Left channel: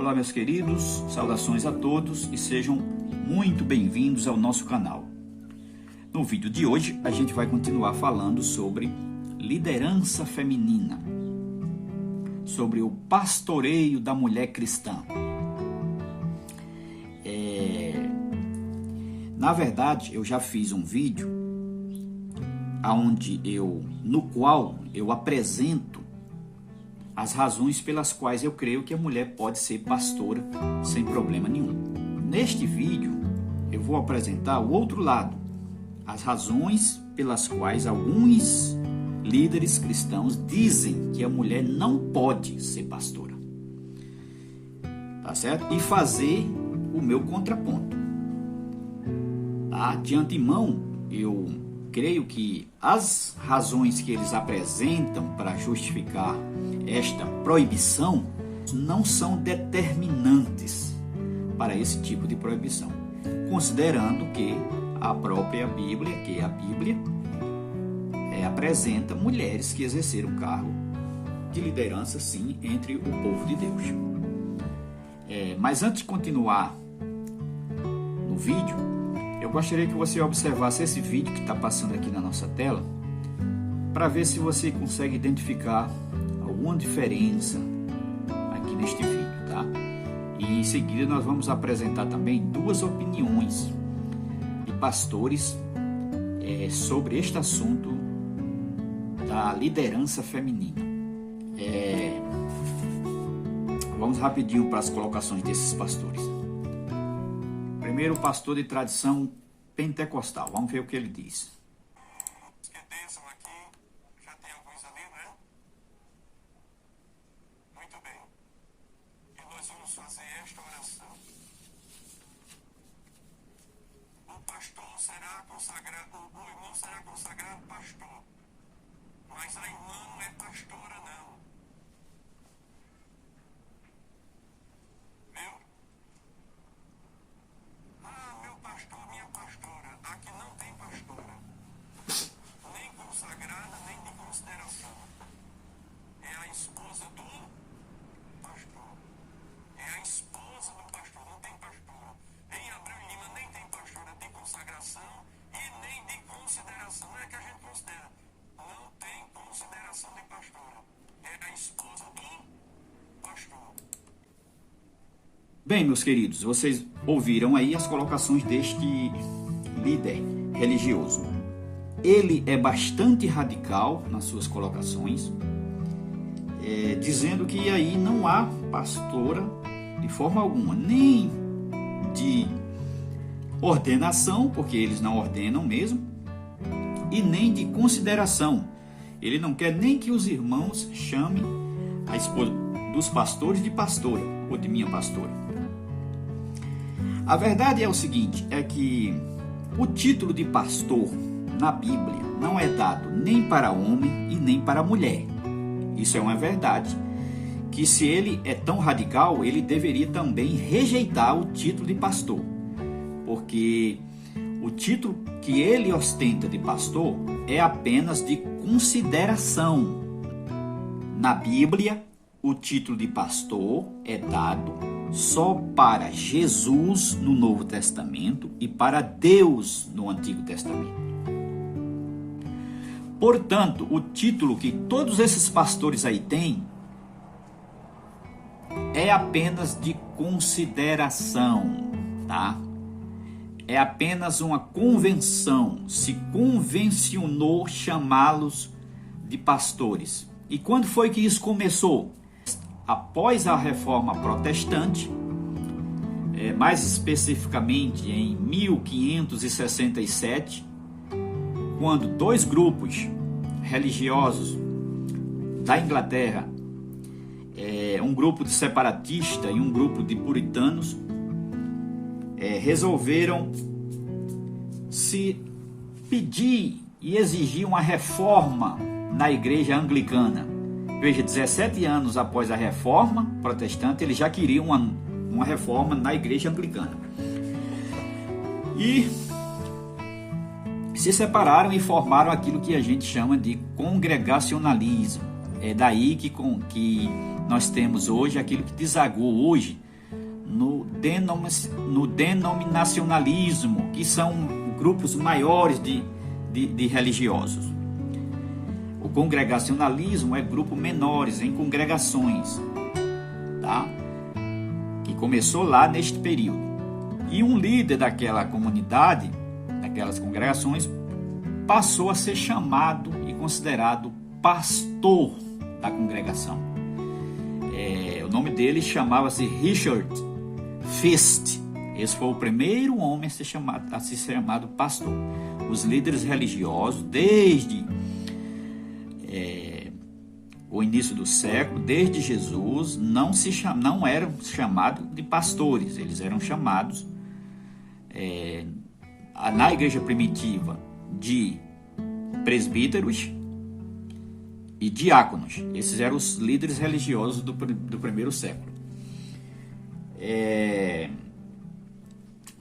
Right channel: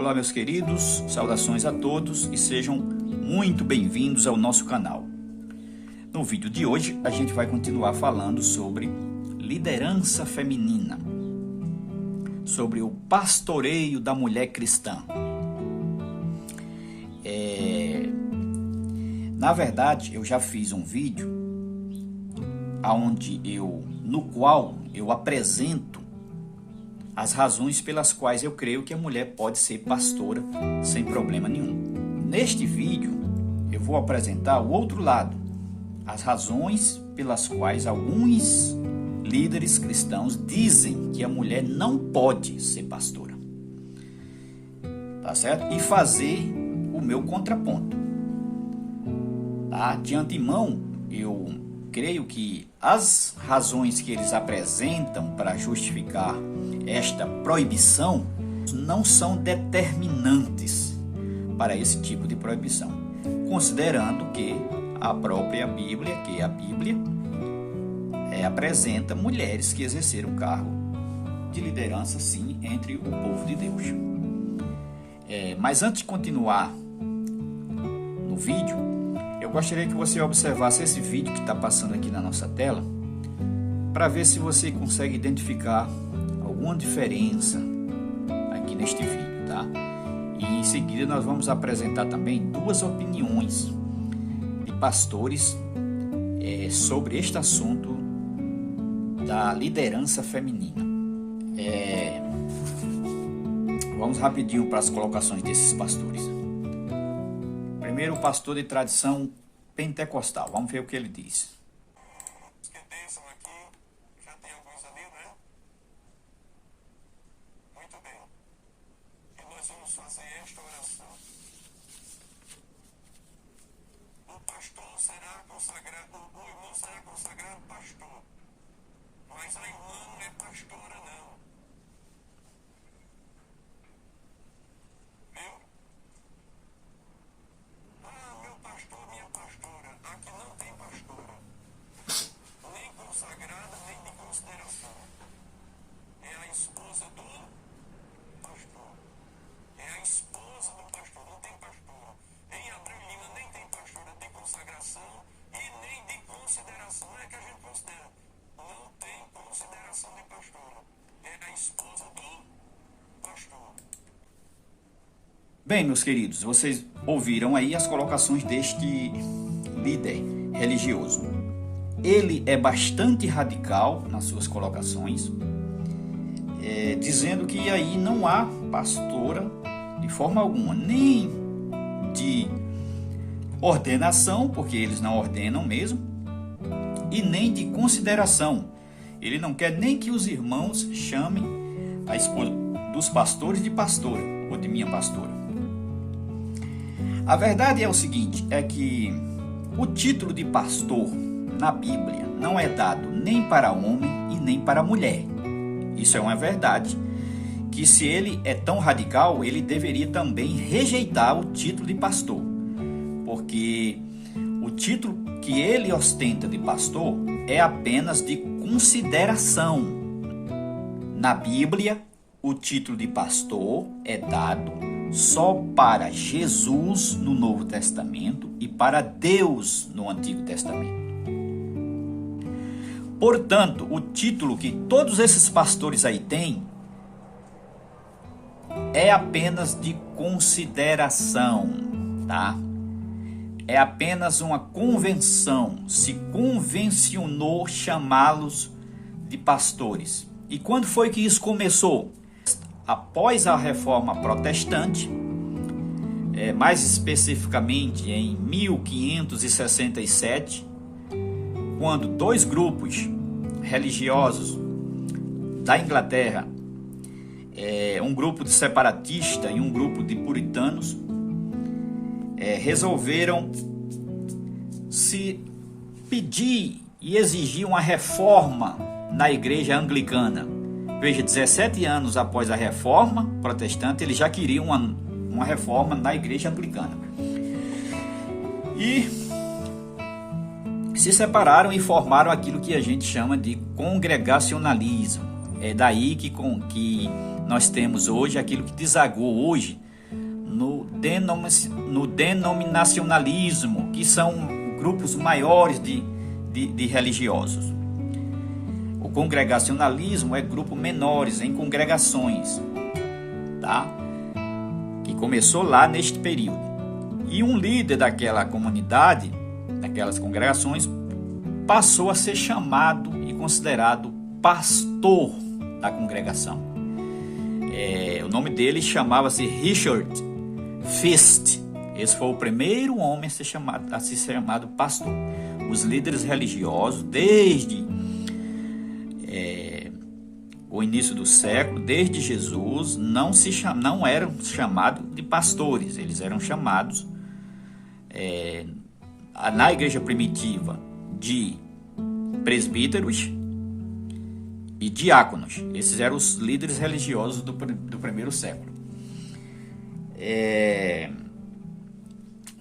Olá, meus queridos, saudações a todos e sejam muito bem-vindos ao nosso canal. No vídeo de hoje, a gente vai continuar falando sobre liderança feminina, sobre o pastoreio da mulher cristã. Na verdade, eu já fiz um vídeo no qual eu apresento as razões pelas quais eu creio que a mulher pode ser pastora sem problema nenhum. Neste vídeo, eu vou apresentar o outro lado, as razões pelas quais alguns líderes cristãos dizem que a mulher não pode ser pastora. Tá certo? E fazer o meu contraponto. Tá? De antemão, eu creio que as razões que eles apresentam para justificar esta proibição não são determinantes para esse tipo de proibição, considerando que a própria Bíblia, apresenta mulheres que exerceram cargo de liderança, sim, entre o povo de Deus. Mas antes de continuar no vídeo, eu gostaria que você observasse esse vídeo que está passando aqui na nossa tela, para ver se você consegue identificar alguma diferença aqui neste vídeo, tá? E em seguida nós vamos apresentar também duas opiniões de pastores sobre este assunto da liderança feminina. Vamos rapidinho para as colocações desses pastores. Primeiro, o pastor de tradição pentecostal. Vamos ver o que ele diz. Vamos fazer esta oração. O pastor será consagrado, o irmão será consagrado pastor, mas a irmã não é pastora, não. Viu? Meu pastor, minha pastora, aqui não tem pastora, nem consagrada, nem de consideração. É a esposa do pastor. É a esposa do pastor, não tem pastora. Nem a Abramelina nem tem pastora de consagração e nem de consideração. É que a gente considera. Não tem consideração de pastora. É a esposa do pastor. Bem, meus queridos, vocês ouviram aí as colocações deste líder religioso. Ele é bastante radical nas suas colocações, dizendo que aí não há pastora de forma alguma, nem de ordenação, porque eles não ordenam mesmo, e nem de consideração. Ele não quer nem que os irmãos chamem a esposa dos pastores de pastora, ou de minha pastora. A verdade é o seguinte, é que o título de pastor na Bíblia não é dado nem para homem e nem para mulher. Isso é uma verdade, que se ele é tão radical, ele deveria também rejeitar o título de pastor, porque o título que ele ostenta de pastor é apenas de consideração. Na Bíblia, o título de pastor é dado só para Jesus no Novo Testamento e para Deus no Antigo Testamento. Portanto, o título que todos esses pastores aí têm é apenas de consideração, tá? É apenas uma convenção, se convencionou chamá-los de pastores. E quando foi que isso começou? Após a Reforma Protestante, mais especificamente em 1567, quando dois grupos religiosos da Inglaterra, um grupo de separatistas e um grupo de puritanos, resolveram se pedir e exigir uma reforma na igreja anglicana. Veja, 17 anos após a reforma protestante, eles já queriam uma reforma na igreja anglicana. E se separaram e formaram aquilo que a gente chama de congregacionalismo. É daí que nós temos hoje aquilo que desagou hoje no denominacionalismo, que são grupos maiores de religiosos. O congregacionalismo é grupo menores, em congregações, tá? Que começou lá neste período. E um líder daquela comunidade, daquelas congregações, passou a ser chamado e considerado pastor da congregação. O nome dele chamava-se Richard Feast. Esse foi o primeiro homem a ser chamado pastor. Os líderes religiosos, desde o início do século, desde Jesus, não eram chamados de pastores. Eles eram chamados, na igreja primitiva, de presbíteros e diáconos. Esses eram os líderes religiosos do primeiro século.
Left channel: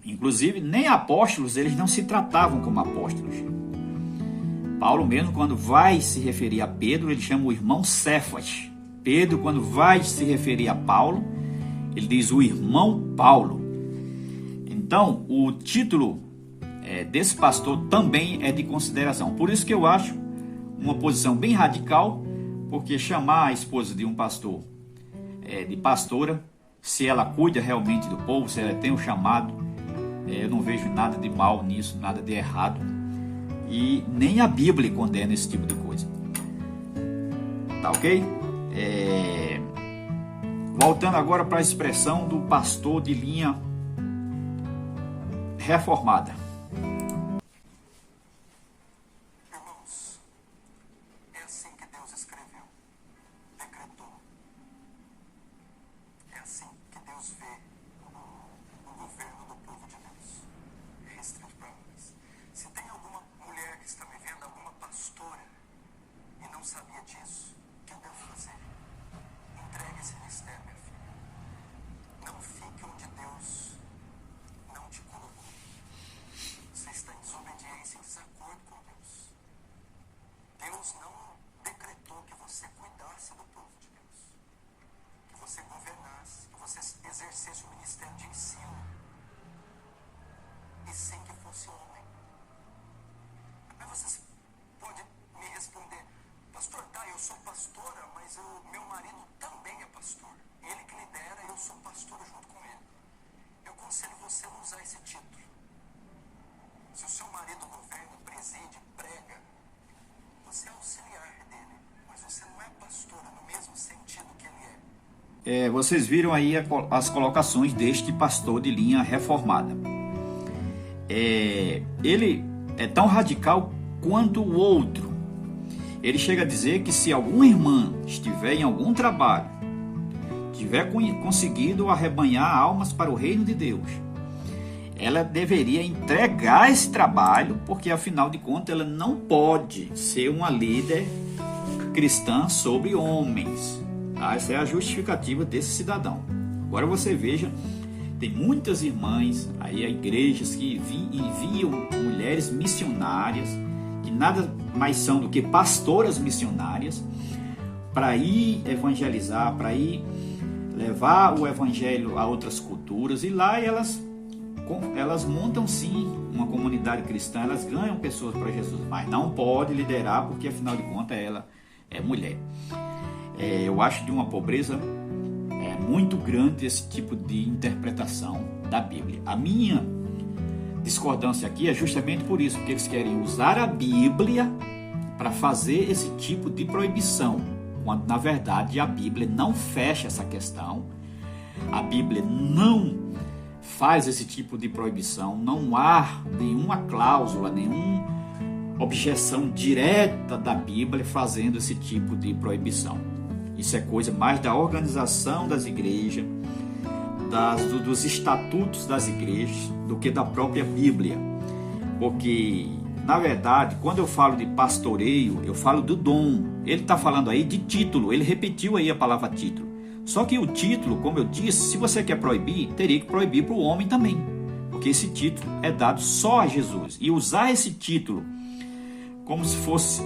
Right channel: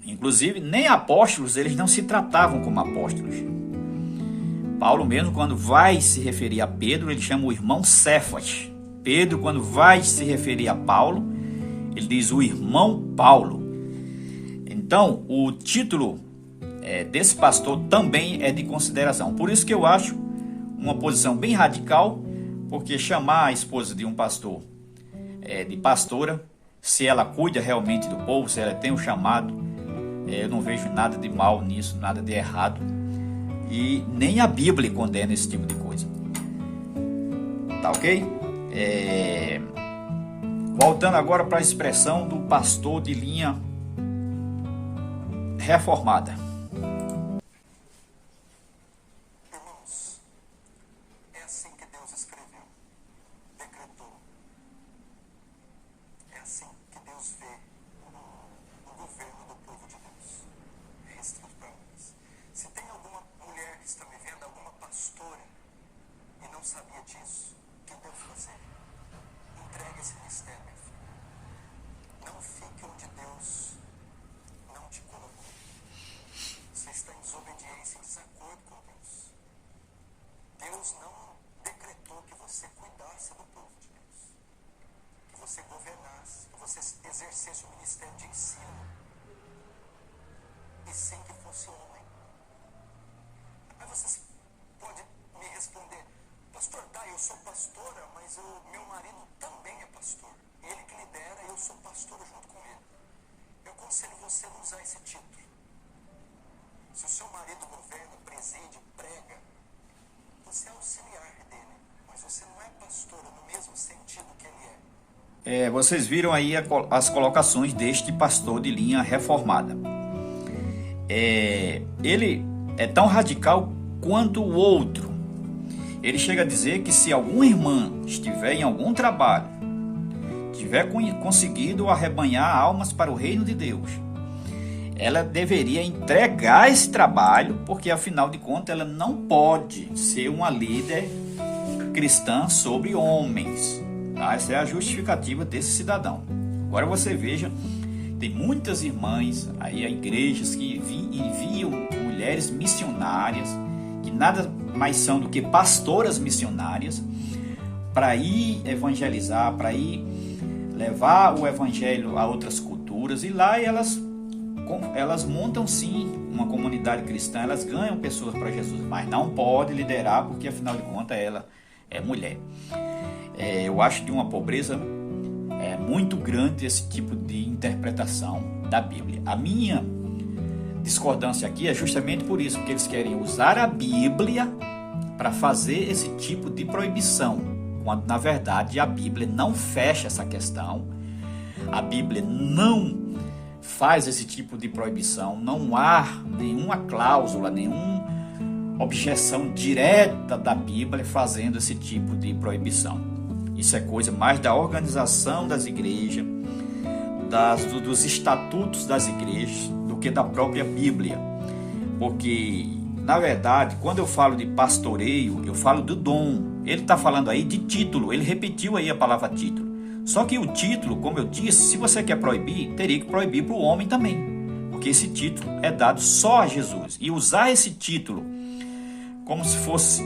Inclusive, nem apóstolos, eles não se tratavam como apóstolos. Paulo mesmo, quando vai se referir a Pedro, ele chama o irmão Cefas. Pedro, quando vai se referir a Paulo, ele diz o irmão Paulo. Então, o título desse pastor também é de consideração. Por isso que eu acho uma posição bem radical, porque chamar a esposa de um pastor de pastora, se ela cuida realmente do povo, se ela tem o chamado, eu não vejo nada de mal nisso, nada de errado. E nem a Bíblia condena esse tipo de coisa. Tá ok? Voltando agora para a expressão do pastor de linha reformada. Irmãos, é assim que Deus escreveu, decretou. É assim que Deus vê o governo do povo de Deus. Se tem alguma mulher que está me vendo, alguma pastora, e não sabia disso, o que deve fazer? Entregue esse mistério, meu filho. Não fique onde Deus não te colocou. Você está em desobediência e desacordo com Deus. Deus não decretou que você cuidasse do povo de Deus, que você governasse, que você exercesse o ministério de ensino, e sem que fosse homem. Aí você pode me responder: pastor, eu sou pastora, mas o meu marido também é pastor. Ele que lidera, eu sou pastor junto com ele. Eu aconselho você a usar esse título. Se o seu marido governa, preside, prega, você é auxiliar dele, mas você não é pastor no mesmo sentido que ele é. Vocês viram aí as colocações deste pastor de linha reformada. Ele é tão radical quanto o outro. Ele chega a dizer que se alguma irmã estiver em algum trabalho, tiver conseguido arrebanhar almas para o reino de Deus, ela deveria entregar esse trabalho, porque afinal de contas ela não pode ser uma líder cristã sobre homens. Tá? Essa é a justificativa desse cidadão. Agora você veja, tem muitas irmãs aí, igrejas que enviam mulheres missionárias, que nada mais são do que pastoras missionárias, para ir evangelizar, para ir levar o evangelho a outras culturas, e lá elas montam sim uma comunidade cristã, elas ganham pessoas para Jesus, mas não pode liderar, porque afinal de contas ela é mulher. Eu acho de uma pobreza muito grande esse tipo de interpretação da Bíblia. A minha discordância aqui é justamente por isso, porque eles querem usar a Bíblia para fazer esse tipo de proibição, quando na verdade a Bíblia não fecha essa questão, a Bíblia não faz esse tipo de proibição, não há nenhuma cláusula, nenhuma objeção direta da Bíblia fazendo esse tipo de proibição. Isso é coisa mais da organização das igrejas, dos estatutos das igrejas, do que da própria Bíblia. Porque, na verdade, quando eu falo de pastoreio, eu falo do dom. Ele está falando aí de título, ele repetiu aí a palavra título. Só que o título, como eu disse, se você quer proibir, teria que proibir para o homem também. Porque esse título é dado só a Jesus. E usar esse título como se fosse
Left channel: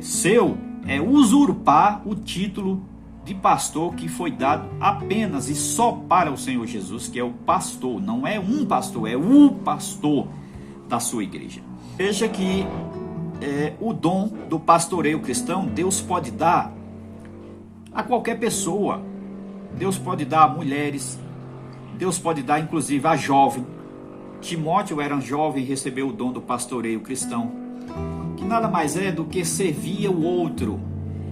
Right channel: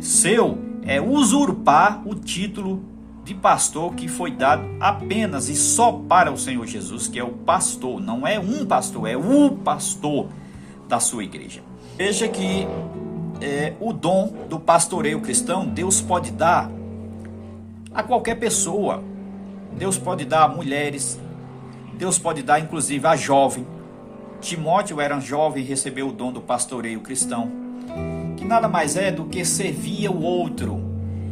seu, é usurpar o título de pastor que foi dado apenas e só para o Senhor Jesus, que é o pastor. Não é um pastor, é o pastor da sua igreja. Veja que o dom do pastoreio cristão, Deus pode dar a qualquer pessoa. Deus pode dar a mulheres, Deus pode dar inclusive a jovem. Timóteo era um jovem e recebeu o dom do pastoreio cristão, que nada mais é do que servir o outro.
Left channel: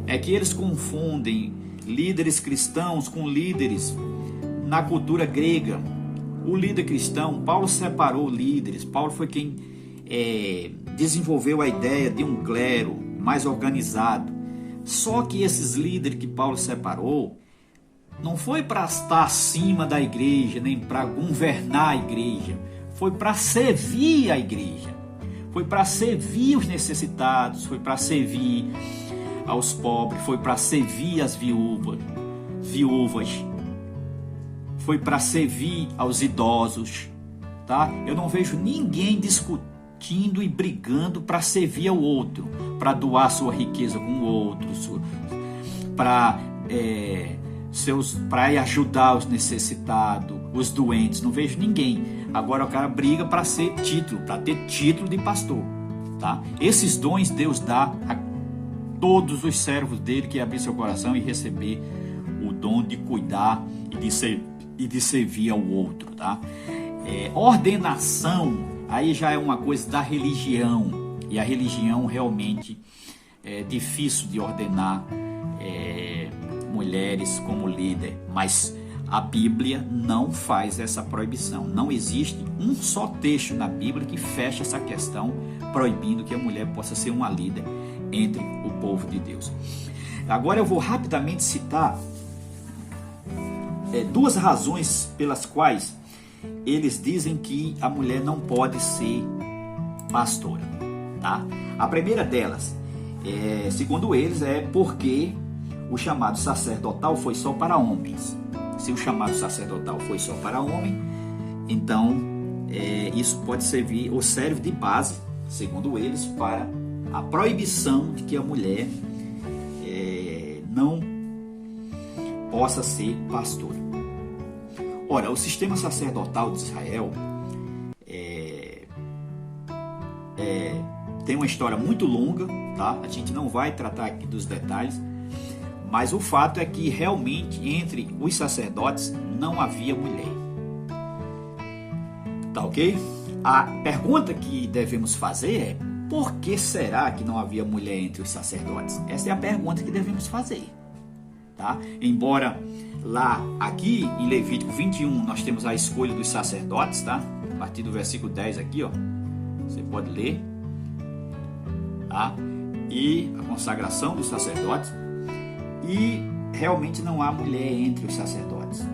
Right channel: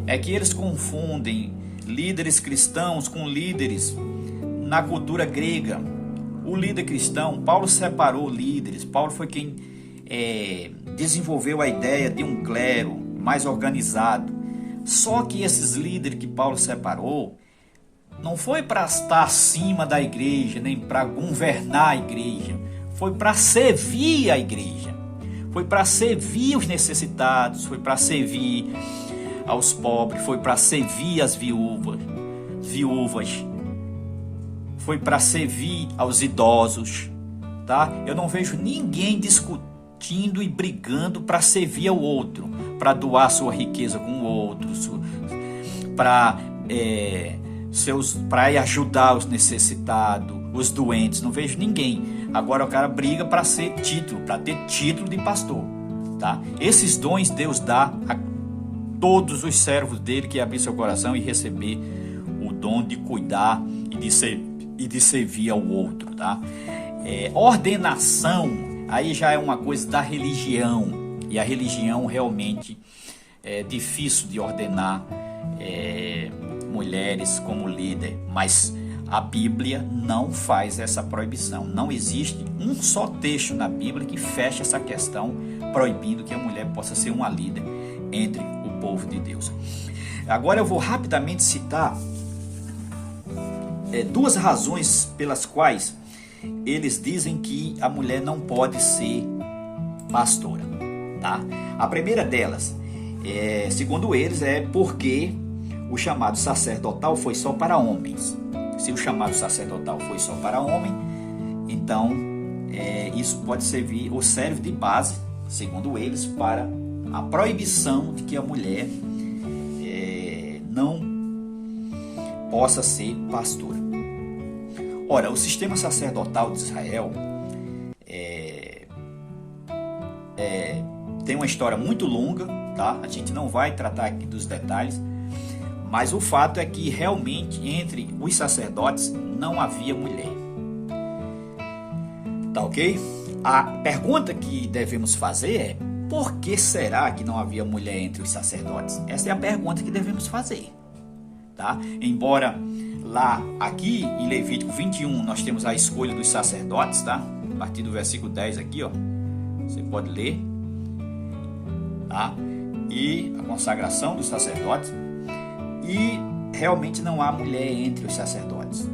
É que eles confundem líderes cristãos com líderes na cultura grega. O líder cristão, Paulo separou líderes. Paulo foi quem desenvolveu a ideia de um clero mais organizado. Só que esses líderes que Paulo separou não foi para estar acima da igreja, nem para governar a igreja. Foi para servir a igreja. Foi para servir os necessitados. Foi para servir aos pobres. Foi para servir as viúvas. Foi para servir aos idosos. Tá? Eu não vejo ninguém discutindo e brigando para servir ao outro, para doar sua riqueza com o outro, para ajudar os necessitados, os doentes. Não vejo ninguém. Agora o cara briga para ser título, para ter título de pastor, tá? Esses dons Deus dá a todos os servos dele que abrir seu coração e receber o dom de cuidar e de servir ao outro, tá? Ordenação, aí já é uma coisa da religião, e a religião realmente é difícil de ordenar mulheres como líder, mas a Bíblia não faz essa proibição. Não existe um só texto na Bíblia que feche essa questão proibindo que a mulher possa ser uma líder entre o povo de Deus. Agora eu vou rapidamente citar duas razões pelas quais eles dizem que a mulher não pode ser pastora, tá? A primeira delas, segundo eles, é porque o chamado sacerdotal foi só para homens. Se o chamado sacerdotal foi só para homem, então isso pode servir ou serve de base, segundo eles, para a proibição de que a mulher não possa ser pastora. Ora, o sistema sacerdotal de Israel tem uma história muito longa, tá? A gente não vai tratar aqui dos detalhes, mas o fato é que realmente entre os sacerdotes não havia mulher. Tá ok? A pergunta que devemos fazer é: por que será que não havia mulher entre os sacerdotes? Essa é a pergunta que devemos fazer, tá? Embora aqui em Levítico 21 nós temos a escolha dos sacerdotes, tá? A partir do versículo 10 aqui, ó, você pode ler, tá? E a consagração dos sacerdotes. E realmente não há mulher entre os sacerdotes.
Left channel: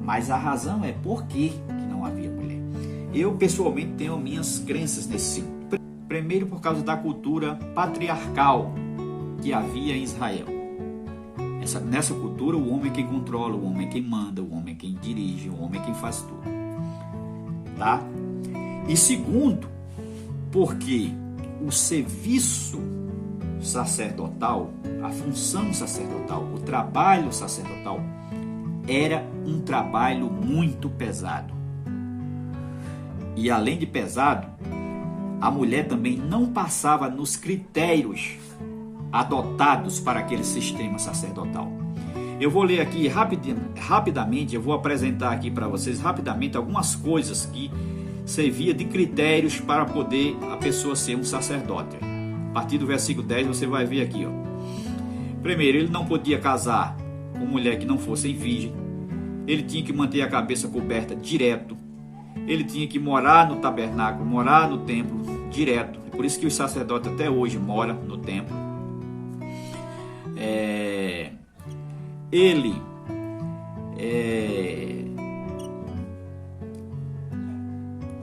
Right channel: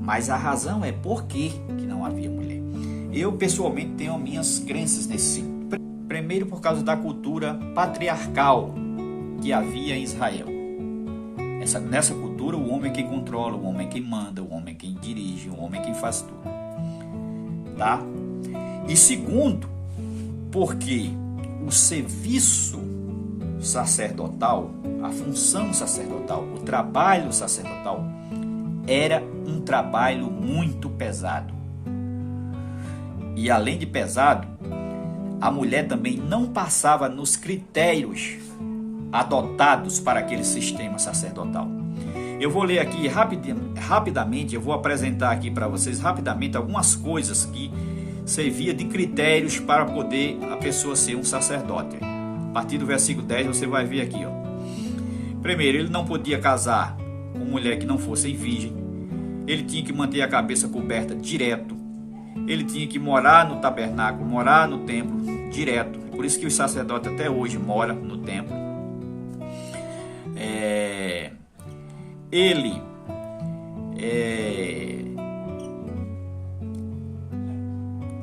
Mas a razão é por que não havia mulher. Eu pessoalmente tenho minhas crenças nesse sentido. Primeiro, por causa da cultura patriarcal que havia em Israel. Nessa cultura, o homem é quem controla, o homem é quem manda, o homem é quem dirige, o homem é quem faz tudo. Tá? E segundo, porque o serviço sacerdotal, a função sacerdotal, o trabalho sacerdotal era um trabalho muito pesado. E além de pesado, a mulher também não passava nos critérios adotados para aquele sistema sacerdotal. Eu vou ler aqui rapidamente, eu vou apresentar aqui para vocês rapidamente algumas coisas que servia de critérios para poder a pessoa ser um sacerdote. A partir do versículo 10 você vai ver aqui, ó. Primeiro, ele não podia casar com mulher que não fosse virgem. Ele tinha que manter a cabeça coberta direto. Ele tinha que morar no tabernáculo, morar no templo direto. Por isso que os sacerdotes até hoje moram no templo.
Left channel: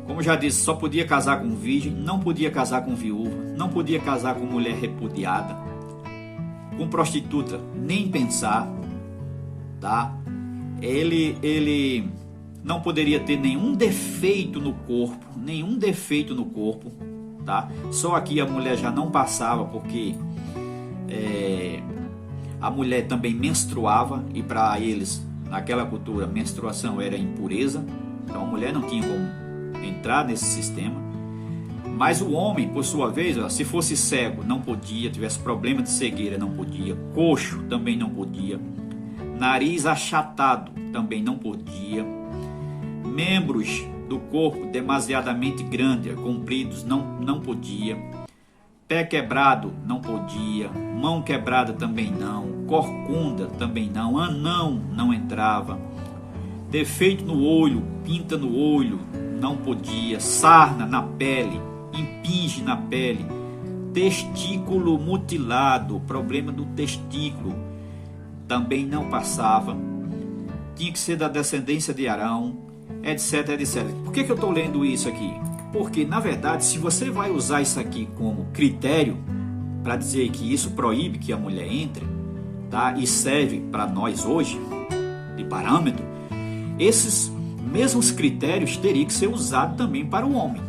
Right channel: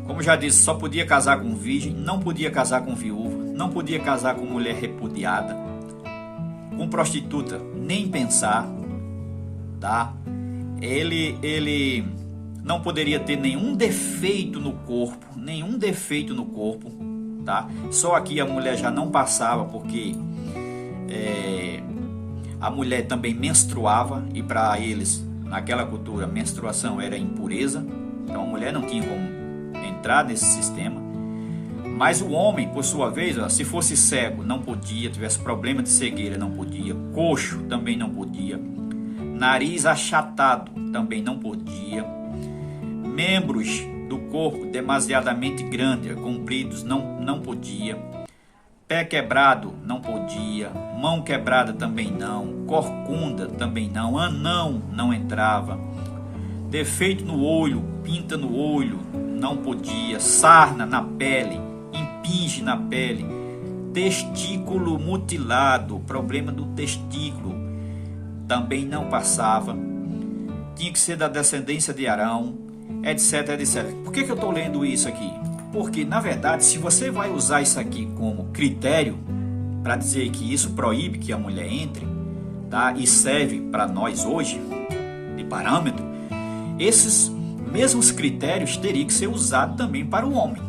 Como já disse, só podia casar com virgem, não podia casar com viúva, não podia casar com mulher repudiada, com prostituta, nem pensar, tá? Ele não poderia ter nenhum defeito no corpo, tá? Só aqui a mulher já não passava, porque A mulher também menstruava, e para eles, naquela cultura, menstruação era impureza. Então a mulher não tinha como entrar nesse sistema. Mas o homem, por sua vez, se fosse cego, não podia, tivesse problema de cegueira, não podia, coxo também não podia, nariz achatado também não podia, membros do corpo demasiadamente grandes, compridos, não podia, pé quebrado não podia, mão quebrada também não, corcunda também não, anão não entrava, defeito no olho, pinta no olho, não podia, sarna na pele, impinge na pele, testículo mutilado, problema do testículo, também não passava, tinha que ser da descendência de Arão, etc, etc. Por que eu estou lendo isso aqui? Porque, na verdade, se você vai usar isso aqui como critério para dizer que isso proíbe que a mulher entre, tá? E serve para nós hoje, de parâmetro, esses mesmos critérios teriam que ser usados também para o homem.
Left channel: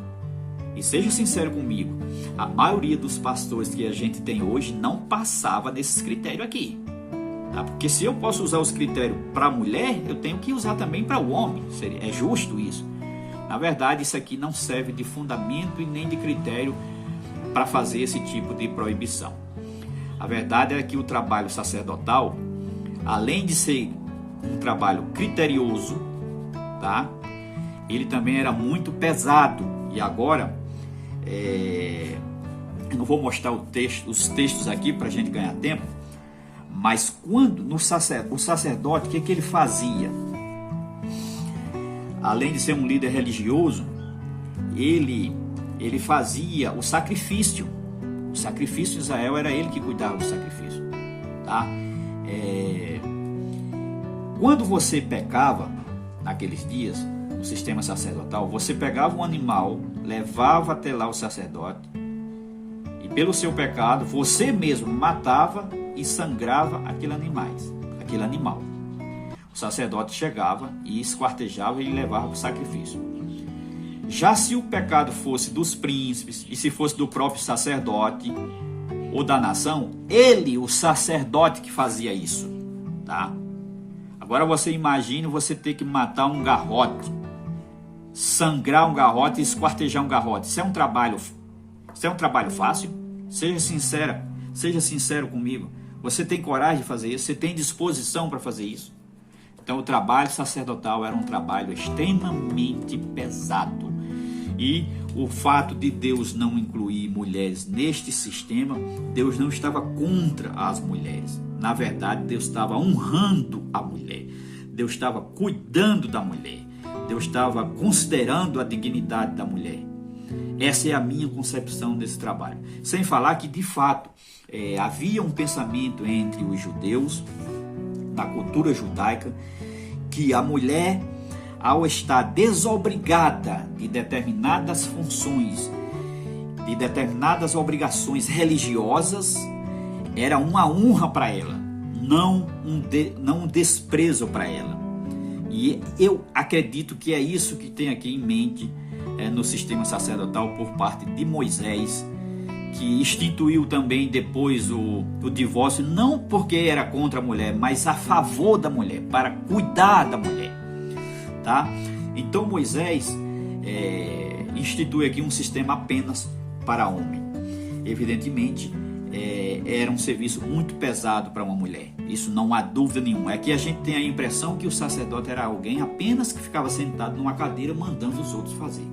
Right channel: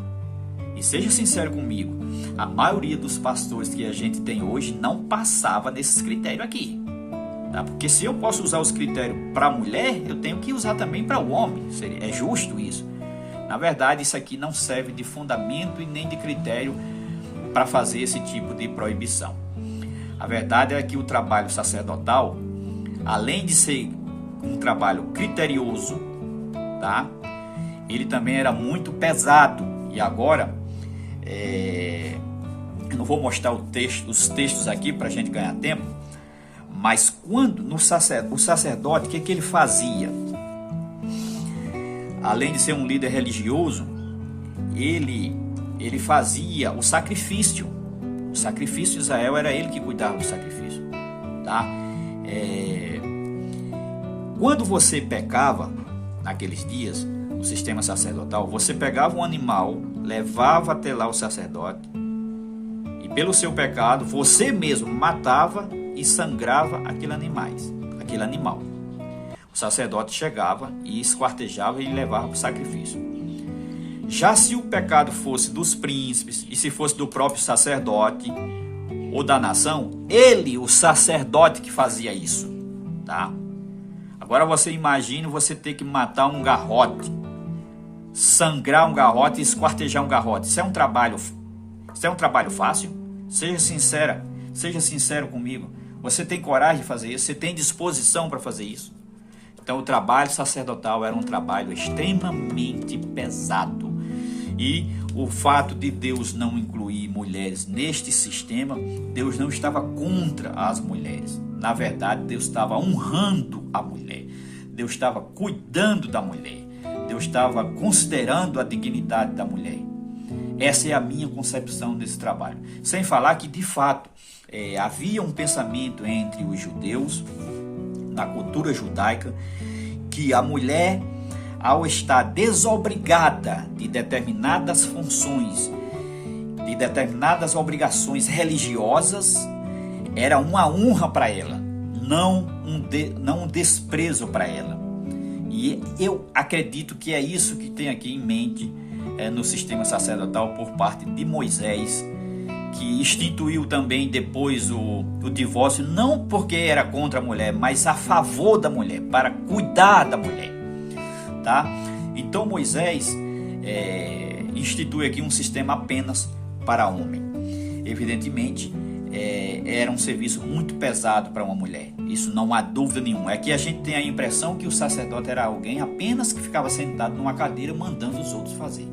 E seja sincero comigo, a maioria dos pastores que a gente tem hoje não passava desses critérios aqui. Tá? Porque se eu posso usar os critérios para a mulher, eu tenho que usar também para o homem. É justo isso. Na verdade, isso aqui não serve de fundamento e nem de critério para fazer esse tipo de proibição. A verdade é que o trabalho sacerdotal, além de ser um trabalho criterioso, tá? Ele também era muito pesado. E agora, eu não vou mostrar os textos aqui para a gente ganhar tempo, mas quando o sacerdote, o que ele fazia? Além de ser um líder religioso, ele fazia o sacrifício. O sacrifício de Israel era ele que cuidava do sacrifício. Tá? Quando você pecava, naqueles dias, no sistema sacerdotal, você pegava um animal, levava até lá o sacerdote, e pelo seu pecado, você mesmo matava e sangrava aquele animal. O sacerdote chegava e esquartejava e levava para o sacrifício. Já se o pecado fosse dos príncipes e se fosse do próprio sacerdote ou da nação, o sacerdote que fazia isso, tá? Agora você imagina você ter que matar um garrote, sangrar um garrote e esquartejar um garrote. Isso é um trabalho fácil? Seja sincero comigo. Você tem coragem de fazer isso? Você tem disposição para fazer isso? Então o trabalho sacerdotal era um trabalho extremamente pesado. E o fato de Deus não incluir mulheres neste sistema, Deus não estava contra as mulheres. Na verdade, Deus estava honrando a mulher. Deus estava cuidando da mulher. Deus estava considerando a dignidade da mulher. Essa é a minha concepção desse trabalho. Sem falar que, de fato, havia um pensamento entre os judeus, na cultura judaica, que a mulher, ao estar desobrigada de determinadas funções, de determinadas obrigações religiosas, era uma honra para ela, não um desprezo para ela. E eu acredito que é isso que tem aqui em mente no sistema sacerdotal por parte de Moisés, que instituiu também depois o divórcio, não porque era contra a mulher, mas a favor da mulher, para cuidar da mulher, tá? Então Moisés institui aqui um sistema apenas para homem. Evidentemente, era um serviço muito pesado para uma mulher, isso não há dúvida nenhuma. Aqui a gente tem a impressão que o sacerdote era alguém apenas que ficava sentado numa cadeira mandando os outros fazer.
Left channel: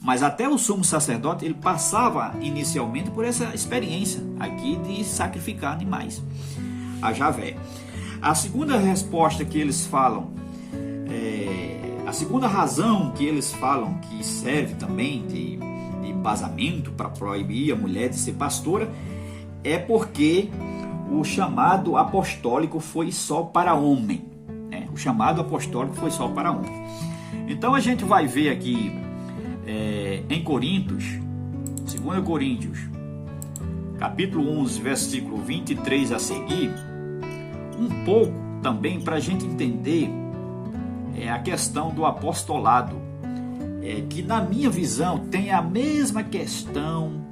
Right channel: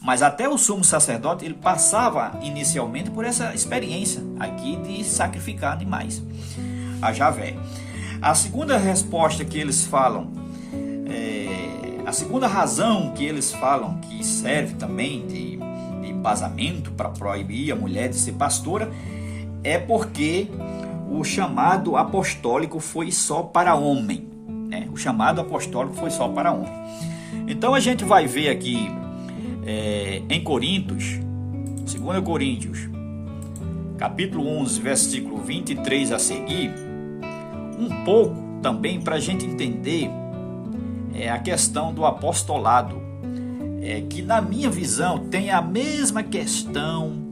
Mas até o sumo sacerdote, ele passava inicialmente por essa experiência aqui de sacrificar animais a Javé. A segunda resposta que eles falam, a segunda razão que eles falam que serve também de embasamento para proibir a mulher de ser pastora, é porque o chamado apostólico foi só para homem, né? O chamado apostólico foi só para homem. Então a gente vai ver aqui em Coríntios, 2 Coríntios, capítulo 11, versículo 23 a seguir, um pouco também para a gente entender a questão do apostolado, que na minha visão tem a mesma questão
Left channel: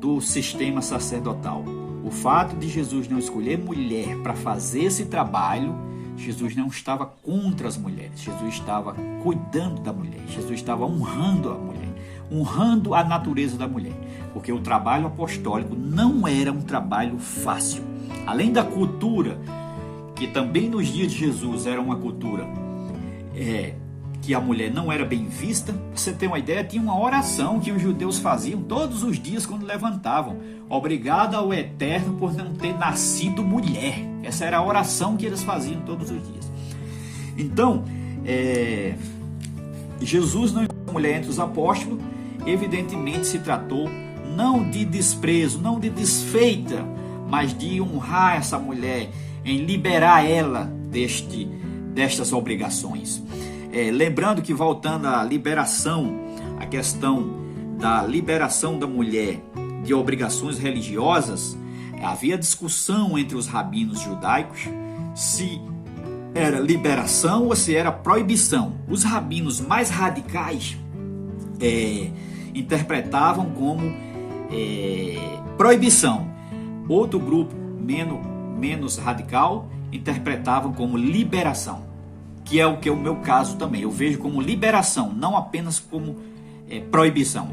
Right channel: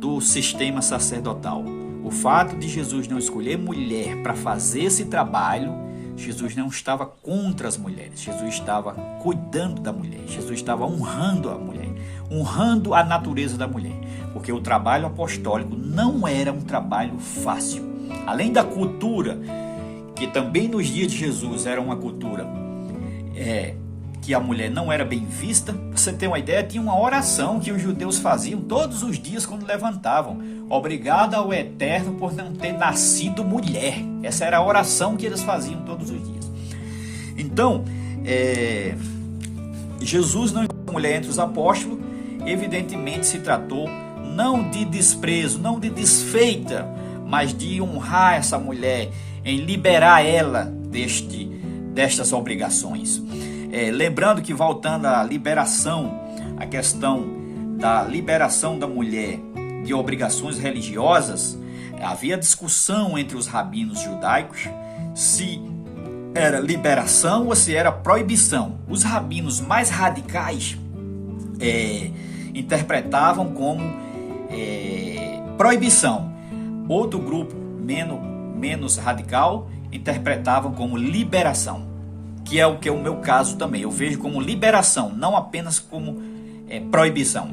do sistema sacerdotal. O fato de Jesus não escolher mulher para fazer esse trabalho, Jesus não estava contra as mulheres. Jesus estava cuidando da mulher. Jesus estava honrando a mulher, honrando a natureza da mulher. Porque o trabalho apostólico não era um trabalho fácil. Além da cultura, que também nos dias de Jesus era uma cultura que a mulher não era bem vista. Pra você ter uma ideia, tinha uma oração que os judeus faziam todos os dias quando levantavam. Obrigado ao Eterno por não ter nascido mulher. Essa era a oração que eles faziam todos os dias. Então, Jesus não enviou a mulher entre os apóstolos. Evidentemente se tratou não de desprezo, não de desfeita, mas de honrar essa mulher, em liberar ela destas obrigações. Lembrando que, voltando à liberação, a questão da liberação da mulher de obrigações religiosas, havia discussão entre os rabinos judaicos se era liberação ou se era proibição. Os rabinos mais radicais interpretavam como proibição. Outro grupo menos radical interpretavam como liberação, que é o meu caso também. Eu vejo como liberação, não apenas como proibição.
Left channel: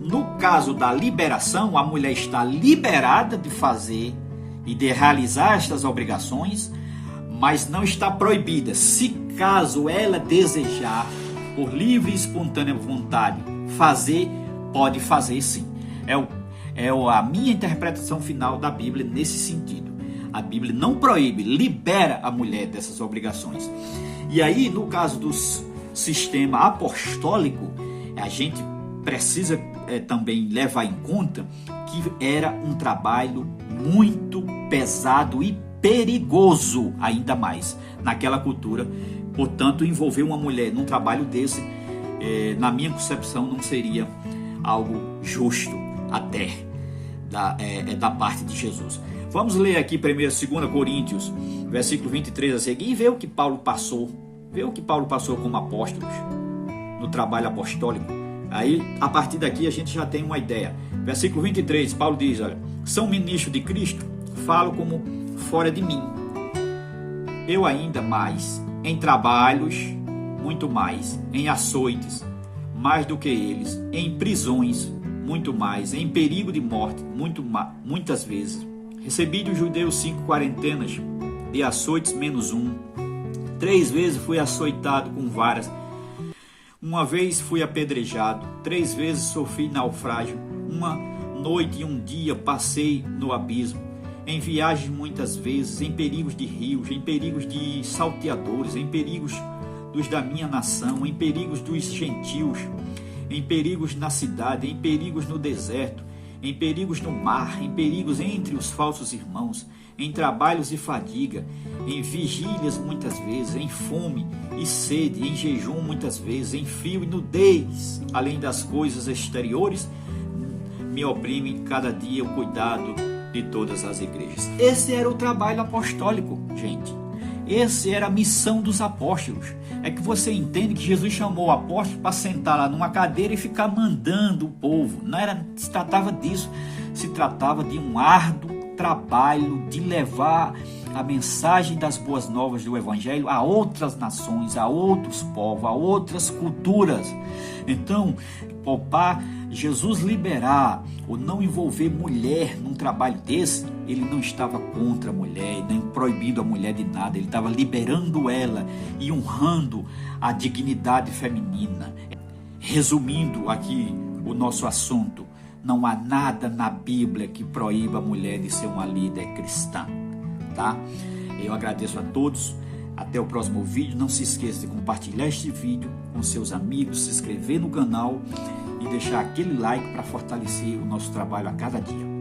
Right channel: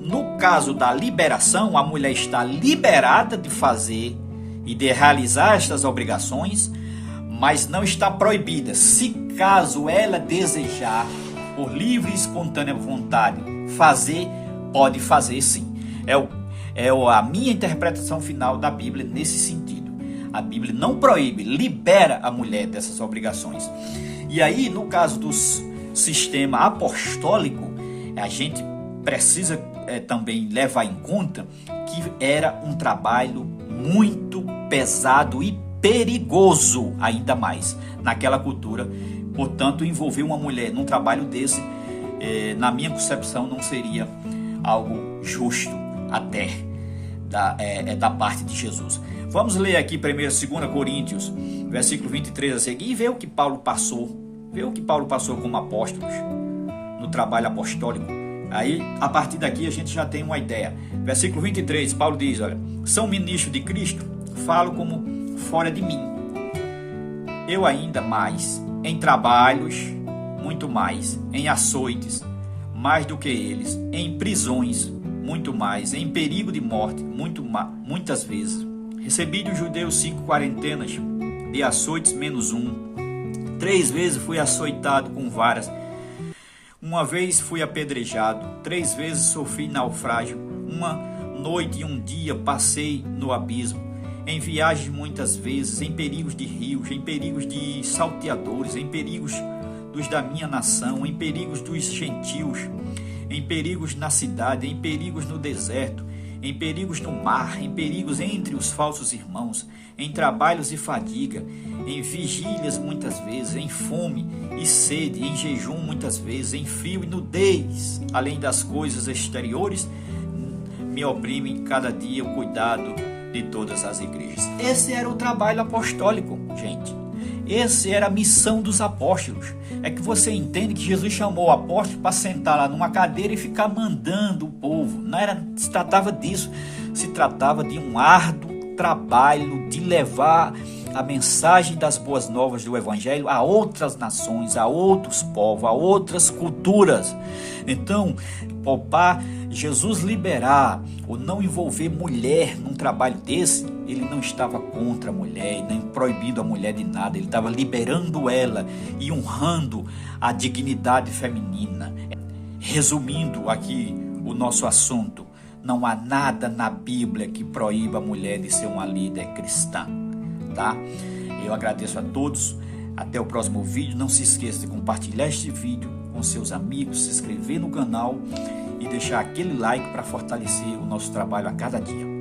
No caso da liberação, a mulher está liberada de fazer e de realizar estas obrigações, mas não está proibida. Se caso ela desejar, por livre e espontânea vontade, fazer, pode fazer sim. É a minha interpretação final da Bíblia nesse sentido. A Bíblia não proíbe, libera a mulher dessas obrigações. E aí, no caso do sistema apostólico, a gente precisa também levar em conta que era um trabalho muito pesado e perigoso, ainda mais, naquela cultura. Portanto, envolver uma mulher num trabalho desse, na minha concepção, não seria algo justo até da parte de Jesus. Vamos ler aqui primeiro 2 Coríntios, versículo 23 a seguir, e ver o que Paulo passou, como apóstolo no trabalho apostólico. Aí, a partir daqui, a gente já tem uma ideia. Versículo 23, Paulo diz, olha, são ministros de Cristo, falo como fora de mim. Eu ainda mais, em trabalhos, muito mais, em açoites, mais do que eles, em prisões, muito mais, em perigo de morte, muitas vezes. Recebi dos judeus 5 quarentenas de açoites menos 1. 3 vezes fui açoitado com varas. 1 vez fui apedrejado. 3 vezes sofri naufrágio. 1 noite e 1 dia passei no abismo. Em viagens muitas vezes, em perigos de rios, em perigos de salteadores, em perigos dos da minha nação, em perigos dos gentios, em perigos na cidade, em perigos no deserto, em perigos no mar, em perigos entre os falsos irmãos, em trabalhos e fadiga, em vigílias muitas vezes, em fome e sede, em jejum muitas vezes, em frio e nudez, além das coisas exteriores, me oprime cada dia o cuidado de todas as igrejas. Esse era o trabalho apostólico, gente. Essa era a missão dos apóstolos. É que você entende que Jesus chamou o apóstolo para sentar lá numa cadeira e ficar mandando o povo. Não se tratava disso. Se tratava de um árduo trabalho de levar a mensagem das boas novas do Evangelho a outras nações, a outros povos, a outras culturas. Então, para Jesus liberar ou não envolver mulher num trabalho desse, ele não estava contra a mulher, nem proibindo a mulher de nada, ele estava liberando ela e honrando a dignidade feminina. Resumindo aqui o nosso assunto, não há nada na Bíblia que proíba a mulher de ser uma líder cristã, tá? Eu agradeço a todos, até o próximo vídeo. Não se esqueça de compartilhar este vídeo com seus amigos, se inscrever no canal e deixar aquele like para fortalecer o nosso trabalho a cada dia.